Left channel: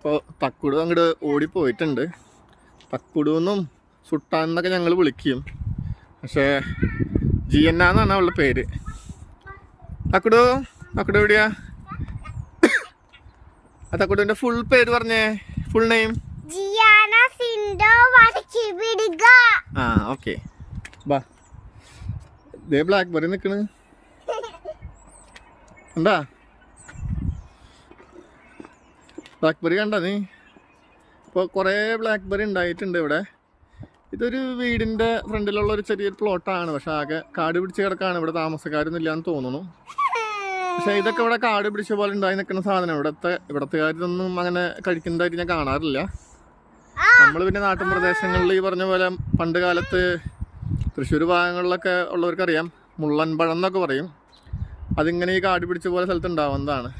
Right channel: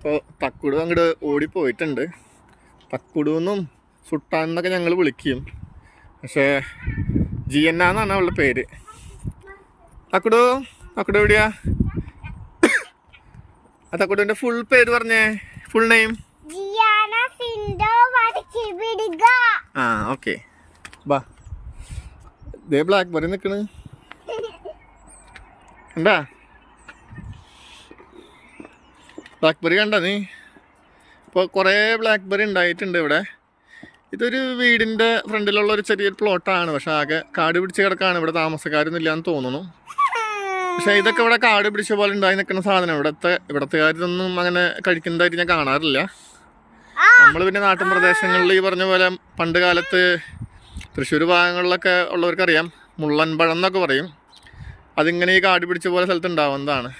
ഇപ്പോൾ തക്കുടു അങ്ങോട്ട് ഓടിപ്പോയിട്ടുണ്ട്. തക്കുടുന്നും ഫുട്ടാൻ എന്നൊക്കെ ഞങ്ങൾ വിളിക്കും, പക്ഷേ ജിയന്ന എന്നാണ് അവളുടെ പേര്. തക്കുടു എവിടെയാ? ആ തക്കുടുവിൻ്റെ ഫുൾ പേര് പറഞ്ഞേ, ഫുൾ നെയിം. ആ ഓക്കെ, ബാ. ദേ ബ്ലാക്ക് ബെറി നിൽക്കണ് എന്താ? ബ്ലാക്ക് ബെറി കണ്ട നീ? ഇപ്പോൾ കുറേ ബ്ലാക്ക് ബെറി ഉണ്ടായിട്ടുണ്ട് ഇവിടെ. ഇതൊരു വീടിൻ്റെ ഫ്രണ്ടിലുള്ള ഒരു ചെറിയൊരു പ്ലോട്ടാണ്, പക്ഷെ ആകെ കാട് പിടിച്ച് കിടക്കാണ്. ഇവിടെ താമസക്കാരൊന്നും ഇല്ലാന്ന് തോന്നുന്നു. പക്ഷേ ഇതൊക്കെ ഇവിടെ കാട് പിടിച്ച പോലെ ഉണ്ടായി നിൽക്കുന്ന സാധനം. ഇവിടത്തുകാരിതൊന്നും അങ്ങനെ കഴിക്കുന്നതായിട്ട് ഞാൻ കാണാറില്ല. നമ്മൾ പിന്നെ നാട്ടിൻ പ്രദേശങ്ങളിൽ ഈ പറഞ്ഞ പോലെ പണ്ട് കാലത്ത് തൃശ്ശൂർ ഭാഗങ്ങളിലൊക്കെ ഉള്ളവർക്കറിയാം, മുള്ളൻ പഴം എന്നൊക്കെ പറയും. അതിങ്ങനെ ഈ കാട് പിടിച്ച പോലെ സ്ഥലത്ത് ഉണ്ടാവുന്നതാണ്.